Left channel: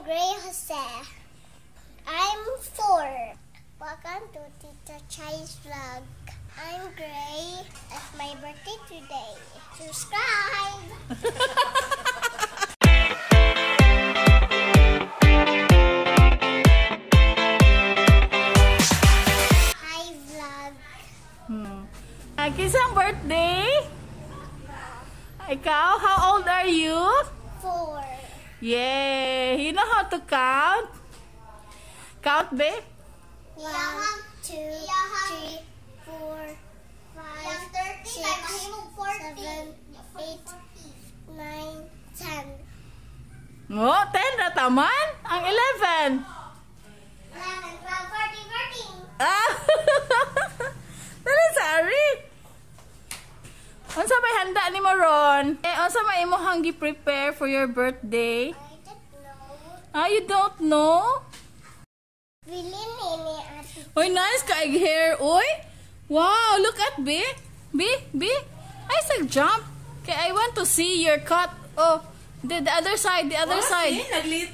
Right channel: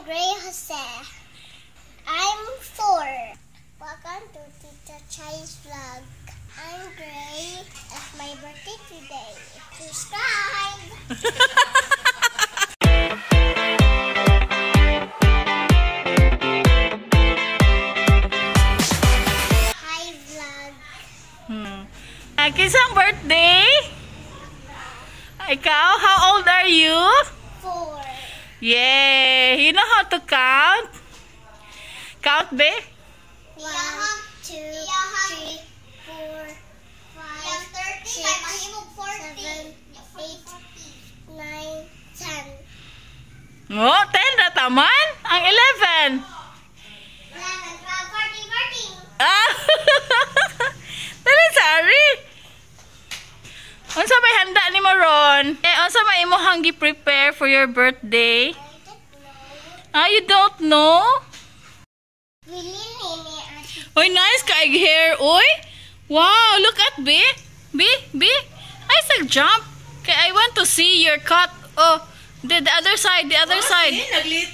I'm Gray Jose. I'm 4. Welcome to Tita Chayli's vlog. I'm Gray. It's my birthday today. Subscribe! Hi vlog. Kisang birthday? Ikaw, how old are you? 4. Yay! You know how to count? Count, be? 1, 2, 3, 4, 5, 6, 7, 8, 9, 10. Oh, 10 na taman? Ang 11. 11, 12, 14, 14. Ah! Dali, sorry. Unsa may handa ni Maron? Unsa may imong gi-prepare for your birthday? Ah, you don't know? Oy, nice ka hair, oy. Wow, look at B. B. I said jump. Okay, I want to see your cut. Oh, the other side, the other side.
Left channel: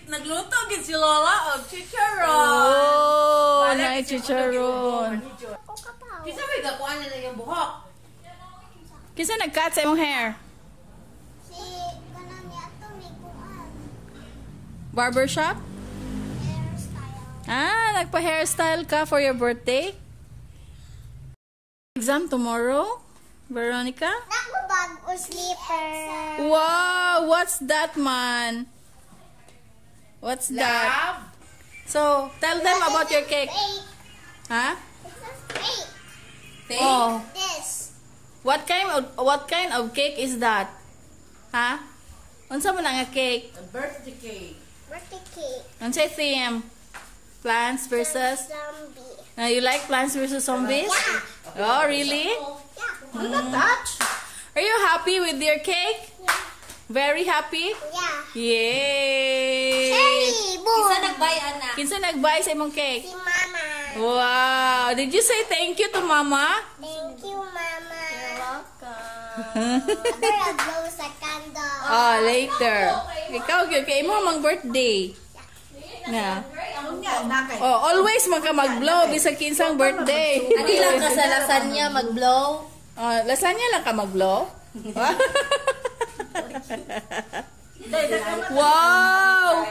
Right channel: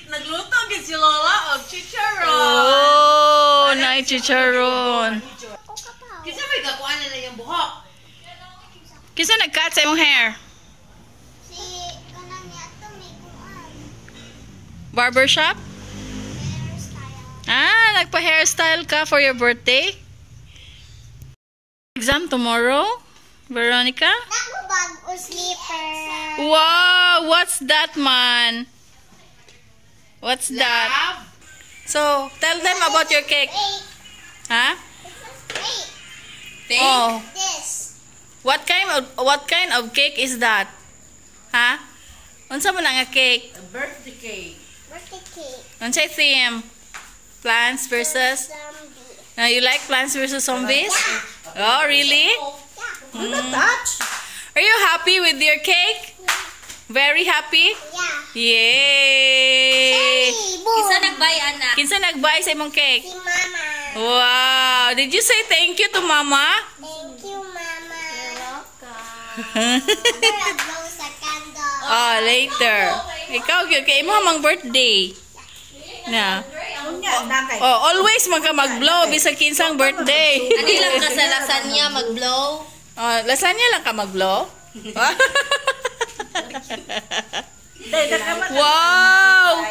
Nagluto gid si Lola og chicharon. Oh, nice chicharon. Kisa may gakuan na yung buhok. Kisa nag-cut sa imong hair? Si kanang niya to may kuan. Barbershop? Ah, nagpa-hairstyle ka for your birthday? Exam tomorrow, Veronica? Nako bag o slipper. Wow, what's that, man? What's that? So, tell them about your cake. Huh? Wait, Oh, this. what kind of cake is that? Huh? Unsa man nga cake? Birthday cake. Birthday cake. Unsay theme? Plants versus. Zombie. You like Plants versus Zombies? Oh, really? Are you happy with your cake? Very happy? Yeah. Yay! Hey, boom. Kisa nagbay ana. Kinsa nag-buy sa imong cake? Si Mama. Wow! Did you say thank you to Mama? Thank you, Mama. You're welcome. After I blow sa candle. Oh, later. Ikaw, kay mo mang birthday. Na. Oh, always mag-blow bisag kinsang birthday. Ano lang ka sa lasagna mag-blow? Oh, lasagna lang ka mag-blow? Wow!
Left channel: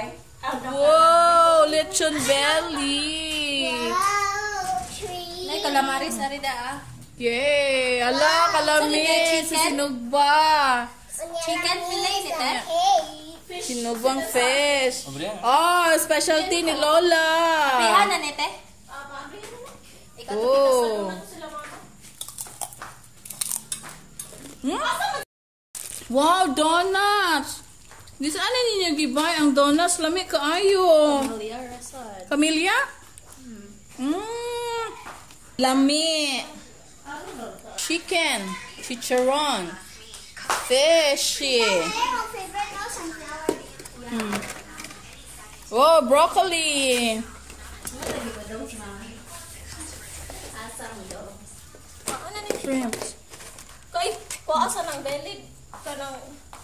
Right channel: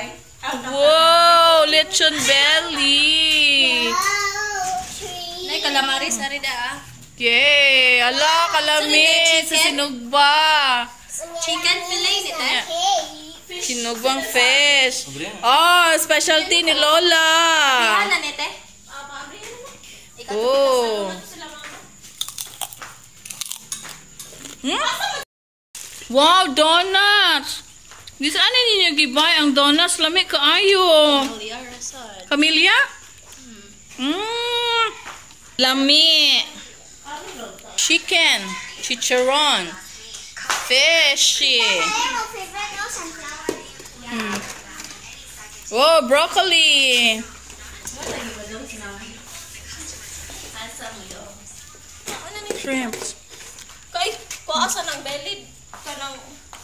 Wow! Lechon belly! Wow, tree. Nay calamaris ari da ah. Yay! Ala, kalamit sa sinugba. Chicken fillet nito. Hey. Sinugbang fish. Oh, specialty ni Lola. Ana nete. Oh. Wow, donuts. Gusto ano ninyo gibay ang donuts lami kaayo. Camellia? Lami. Chicken, chicharon, fishy. Oh, broccoli. Shrimps. Kay paasa ng belly kanang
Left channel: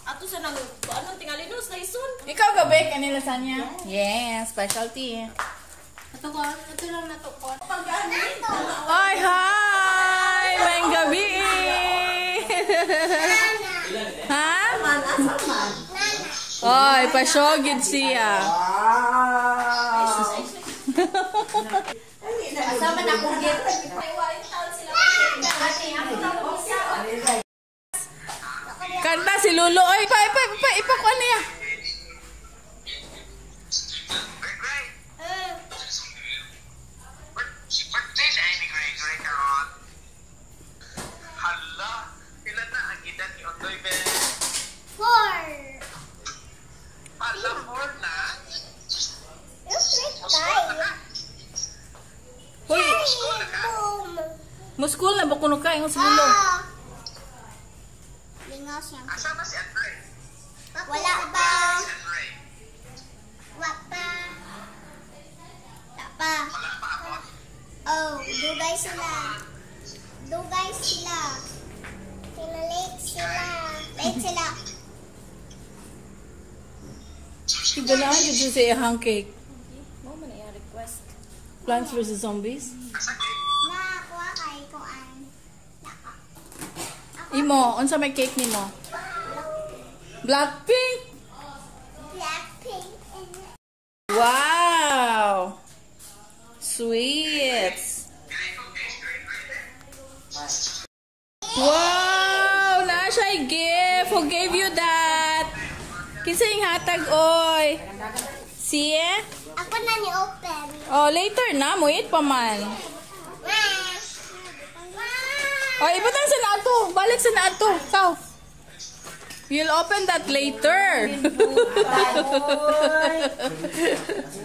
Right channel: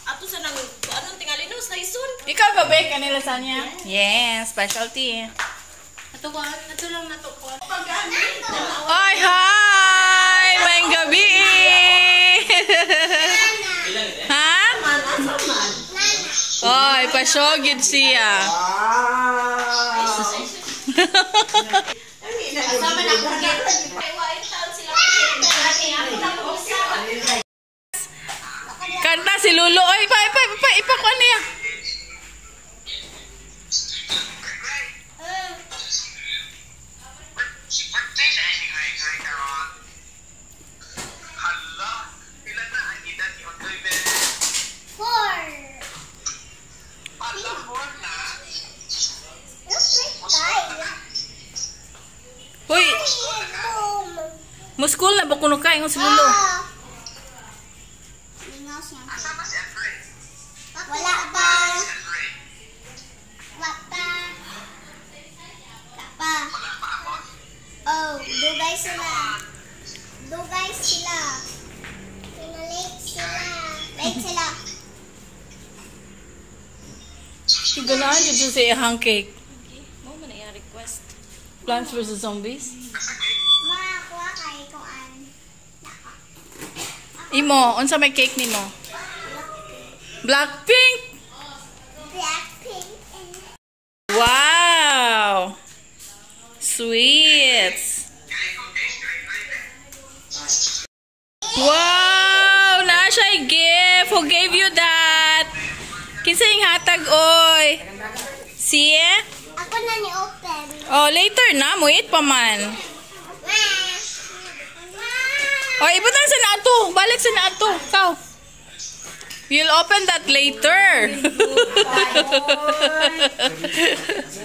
ato sa nang anong tingalinos na isun. Ikaw ba bake ani lasagna? Yes, specialty. Ato lang nato ko. Hi, hi! May gabi! Ha? Oy, pasyogid siya. Kanta si Lolo. Oy, ipakuan niya. Hoy, muskul na ba kuno ka ingon si Lolo? Lingos yan. Wala pa. Wala pa. Pa. Oh, dugay sila. Dugay sila. Late sila. Late sila. Si Ganahan dito sa ihang cake. Mo man iya request. Plants vs. Zombies. Makakuha kayo kung ano. Imo, unsa may cake nimo? Blackpink. Blackpink. Wow. Sweets. Wow, na siya gift. Who gave you that? Kinsa yung hatag oy? See? Ako na ni open. Oh, later na mo eat pa man. Oh, ibutang sa naato. Balik sa naato. Kau. You'll open that later.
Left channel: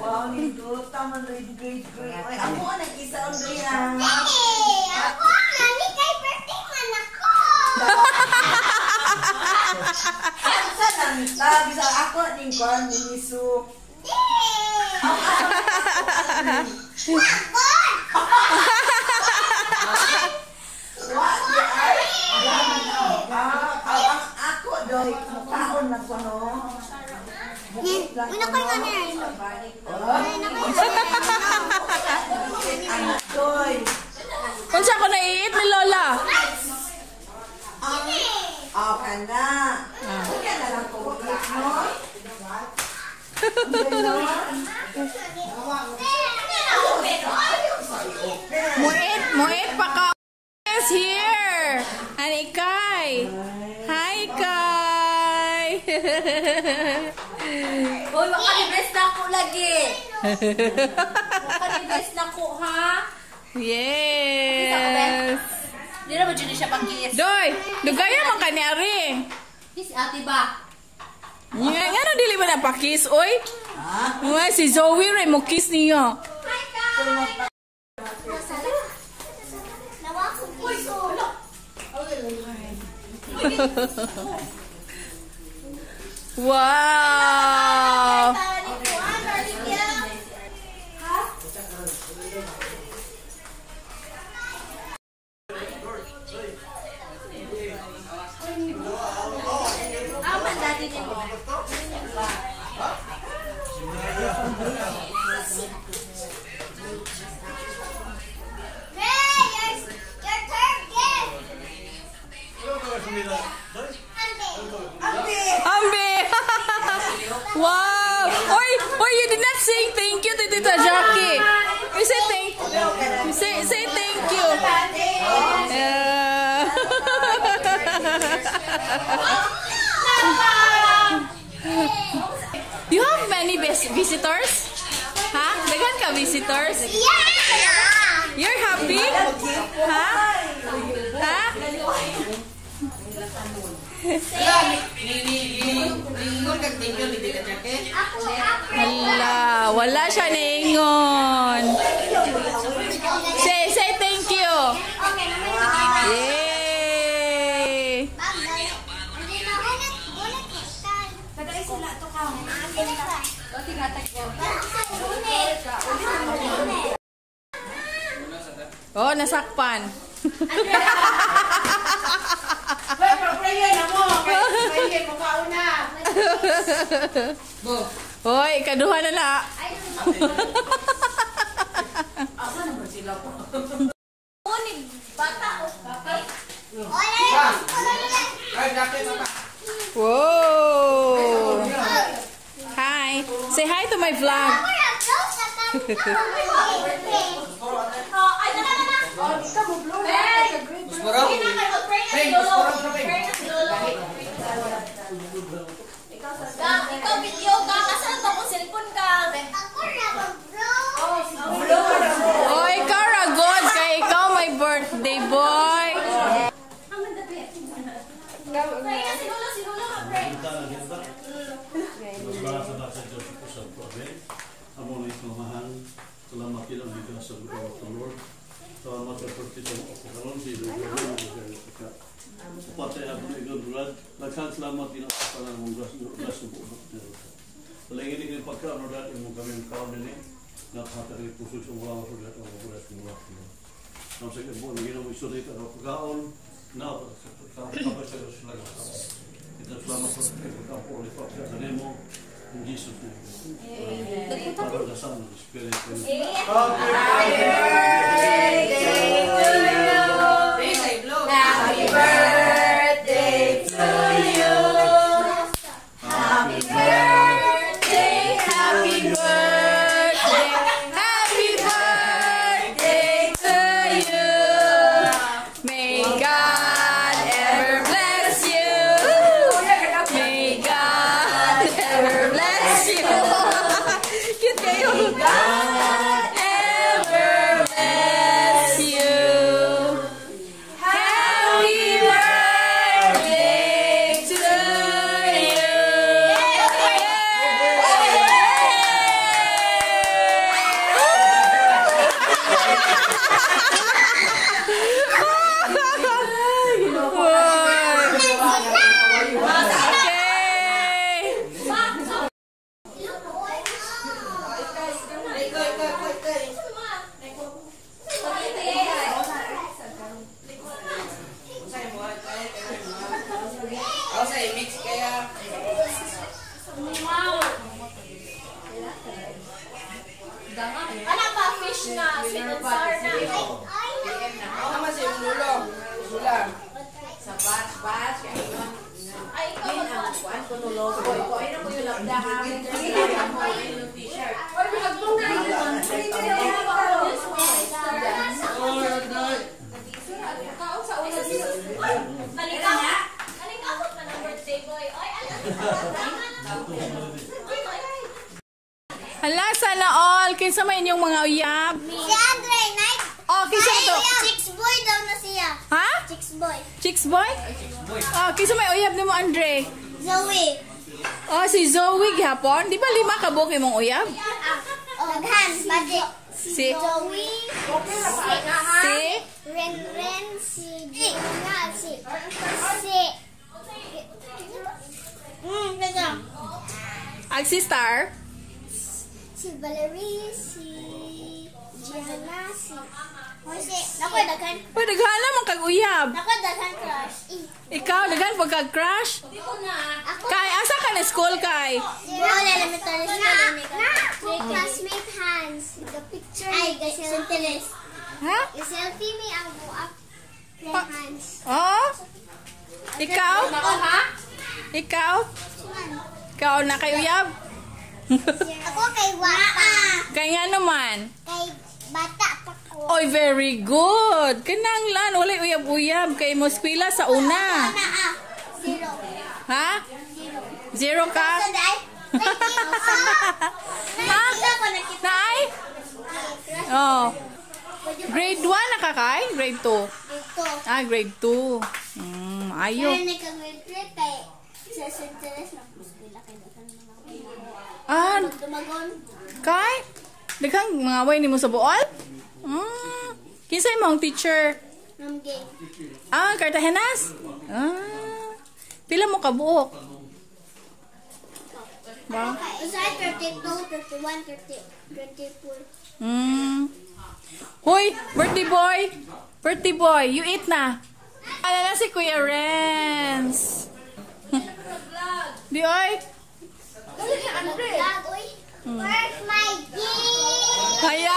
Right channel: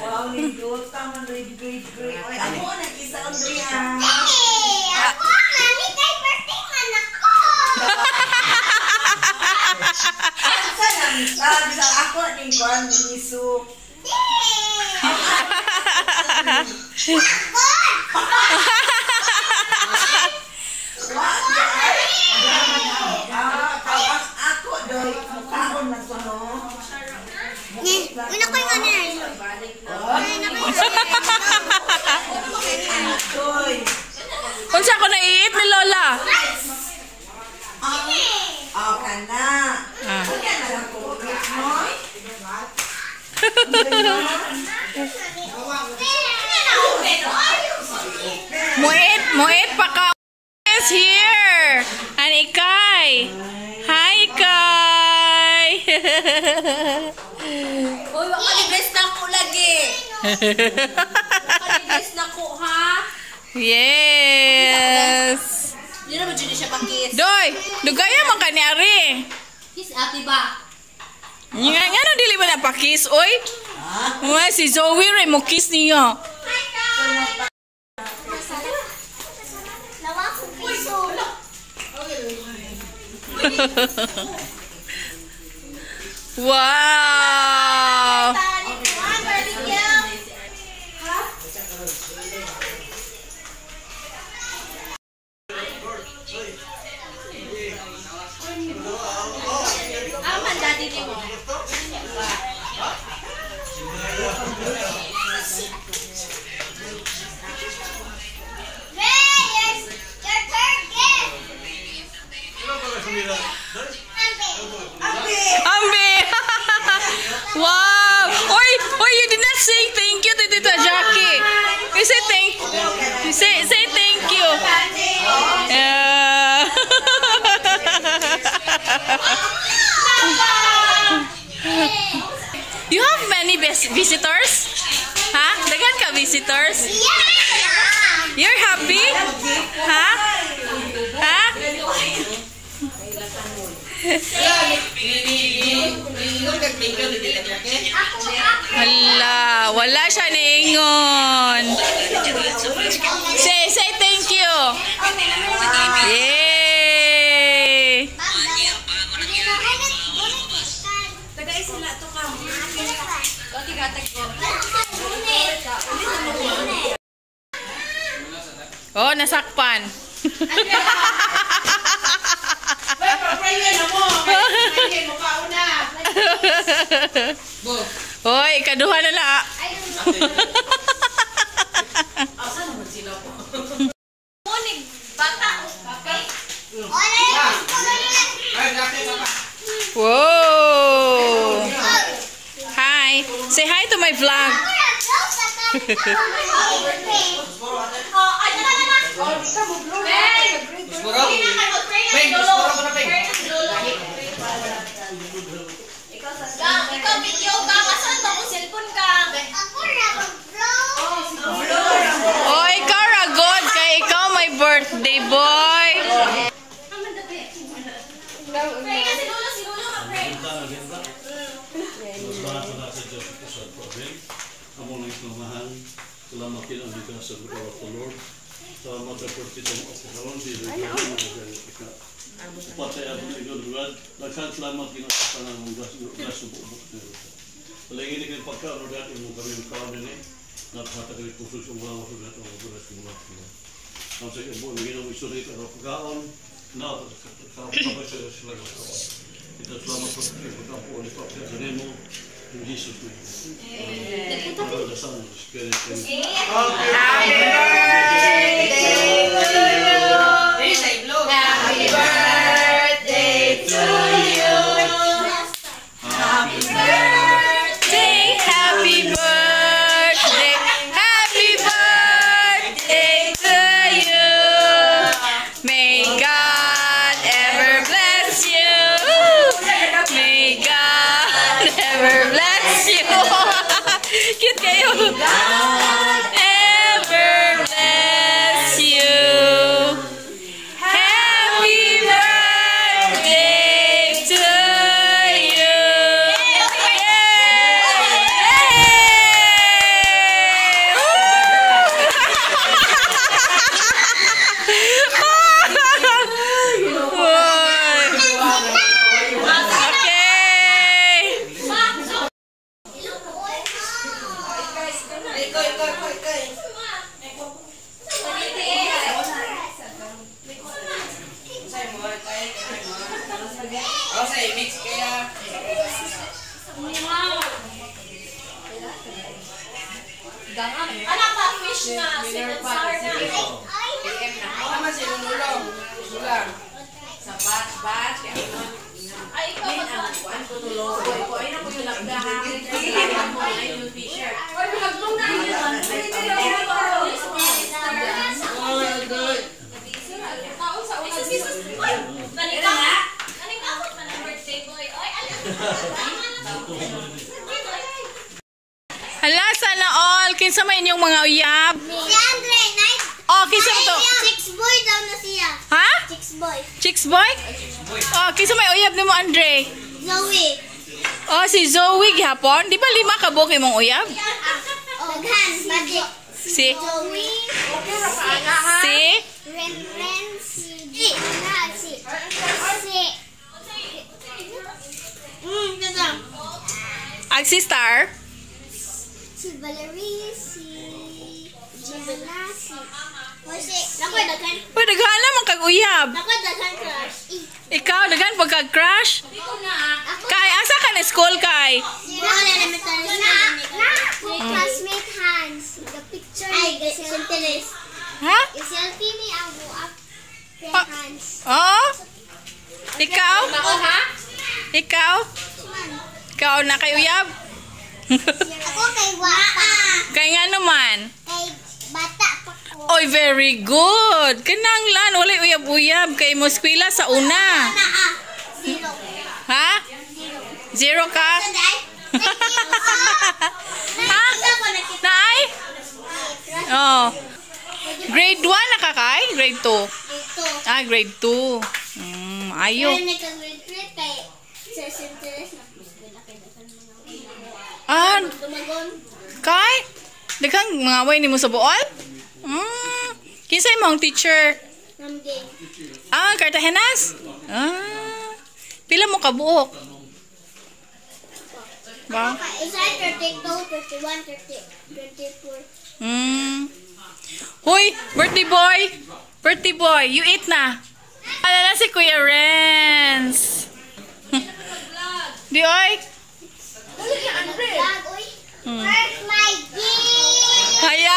Wow, ligot. Taman, great. Ako, nag-isa ang drihan. Ako, mami, kay birthday man ako. Sabi sa ako, ning kwan, minisuk. Ako, doy, mukhaon na ko, no? Una ko yung ano yan. Doy. Unsa ko na i-eat ni Lola? Ka na. Kaya na lang ko, no? Muit pa ka. Is here. And Ikay. Hi, Ikay. Hoy, wala ni best na ko lagi. Wala ni best na ko, ha? Yes. Di na ba dyan siya pang-kiss? Doy, dugaya man kanyari. Kiss ate ba? Nga no dili ba na pa-kiss, oy? Uy, si Zoe rin mo kiss niya. Nawa ko piso. Wow! Aman dati ni mo. Ambi! Wow! Oy, you did not say thank you to Tita Jackie. You say thank you. Yeah. You have many visitors? Ha? Daghan ka visitors? You're happy? Ha? Ha? Hala, wala siya niingon. Say thank you. Yay! Tagay sila to ka. O tigatag ko. Oh, nasakpan. Hoy, kaduha na la. Unig, bata o okay? Whoa! Hi. Say hi to my vlog. Ikaw video ka, kasan ba ko cellphone ka? Ako na mag-bro. Oh, ikaw ragod kay ikaw my birthday boy. Pray ka si Lolo mag-pray. Salamat din ang bigyan sa Lord of the Lord. Salamat sa pagkitang operawan, upatay ang igod-god. Nagkasalamat din sa pangamong gas ng buong Lord. Palagi din yung pagkaroon mo kami ng kawan din eh. Nakakatagal puso sa mga masulat ang mga bulas ng Lord. Ang sa iyo, hindi na mo isulit ang pagkaon. Kapag sa sila ng kawan. Kita salamat po sa pagkaon po ulit po. Sa mo, In Jesus' name. Father, the Son, and the Spirit. Happy birthday to you. Happy birthday, Happy birthday, happy birthday to you. May God ever bless you. May God ever bless you. Cute kayo. Ever bless you. Happy birthday to you. Ano pa fish na sweet and sour na. Ay, ikaw nalikakot man ang birthday boy. Oy, Hala, sana all. Kinsa may inyong mga uyab? Si Andre, night. Oh, kinsa mo to? Chicks boy daw na siya. Ha? Chicks boy. Chicks boy? Oh, kinsa may uyab ni mo, Andre? Zoe. Oh, si Zoe gihapon. Di ba 5 ka buok imong uyab? Daghan, magic. Si? Zoe. Si? Ren, si Gina, si. Gagang. Si Star? Si Valerie, si Gianna, si. Nako, daghan. Uy, daghan man kag uyab. Nako, daghan crush. Ikaw, daghan pagka crush? Kay, asa ka na school kay? Wala elementary school. My classmate Hans. The picture ay gaselfie. Ha? Gaselfie ni ang buak. Hans. Oh? Ikaw? Ikaw? Ikaw na kay uyab? Ako kay Wapa. Kay nga naman? Kay bata pa ko. Oy, very good. Kinanglan, walay uyab-uyab kay mo eskwela sa una. Zero. Ha? 0 ka? Sanday. Ha? Naay? Oh. Grade 1 na ka kay? Grade 2? Dito. Ah, grade 2. Ayo. Pero nagka-grade kay sa Centeres na eskwela kay dagan mga Ah, dumagon. kay? Daghang mga way ni mo sa buol? Kinsay mo ang teacher? Ramgay. Ah, Cartagenas? Ah. Pila mo kabuok? Ba? Usay 32, 31, 24. Hoy, birthday boy! Birthday boy, you eat na. Alala si Kuya Renz. Di oy? Vlog, uy. Where's my gift? Hayay!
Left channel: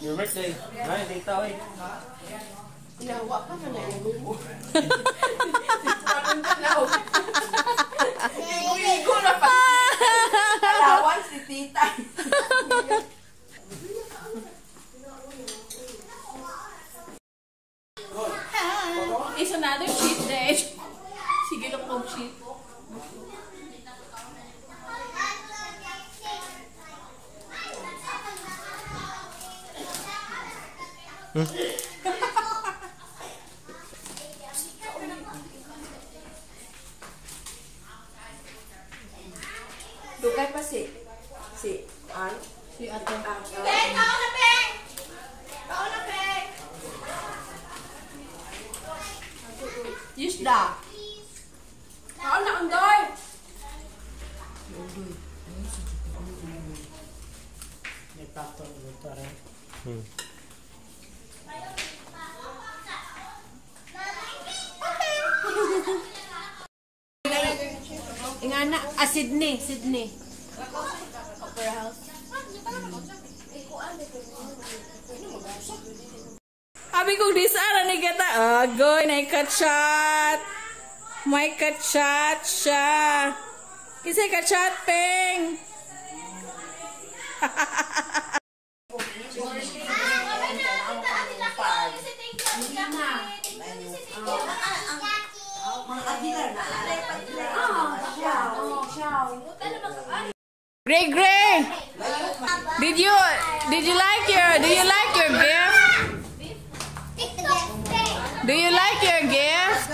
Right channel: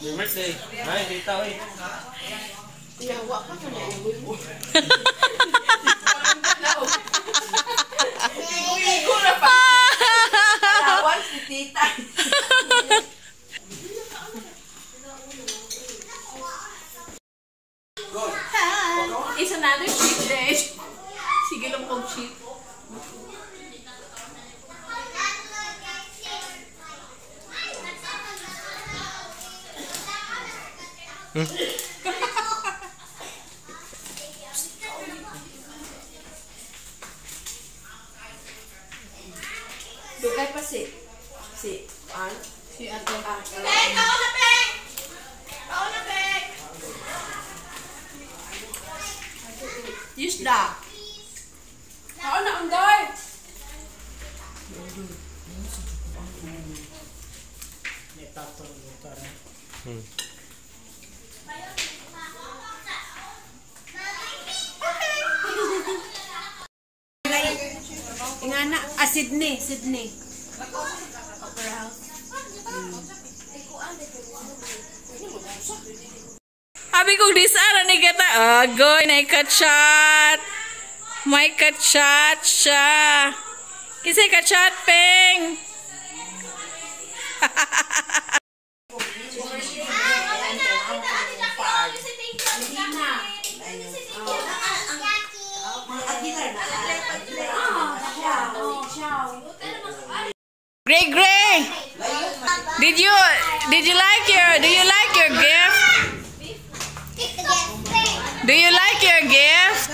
Your birthday. Ay, kita oy. Kawan si Tita. It's another cheat day. Sige lang kong cheat. Dugay pa si An. Si Ato. Yusda. Kaon na undoy. Ingana. Sydney. Opera House. Abi kong disara ni kata. Agoy, na ikachat. May kachat siya. Kisay kachat, Peng. Gray. Did you like your gift? Do you like your gift?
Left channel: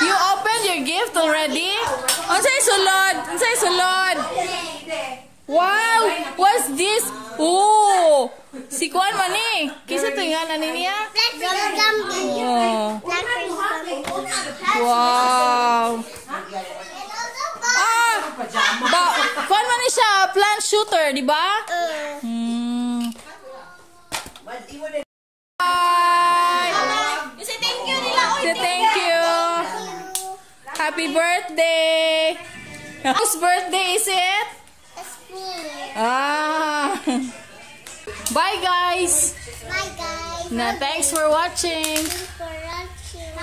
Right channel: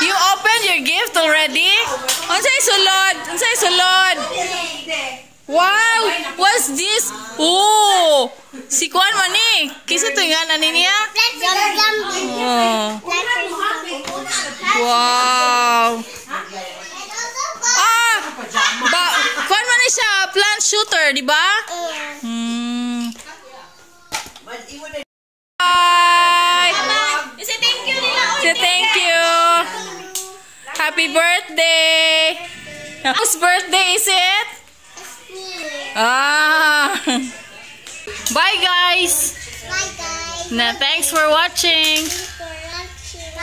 You opened your gift already? Unsay sulod? Wow, what's this? Oh, si Kwan man ni. Kisa to nga nani niya? Oh. Wow. Kwan man ni siya, plant shooter, di ba? Bye. Say thank you nila. Say thank you. Happy birthday. Whose birthday is it? Bye guys. Bye guys. Thanks for watching. For watching.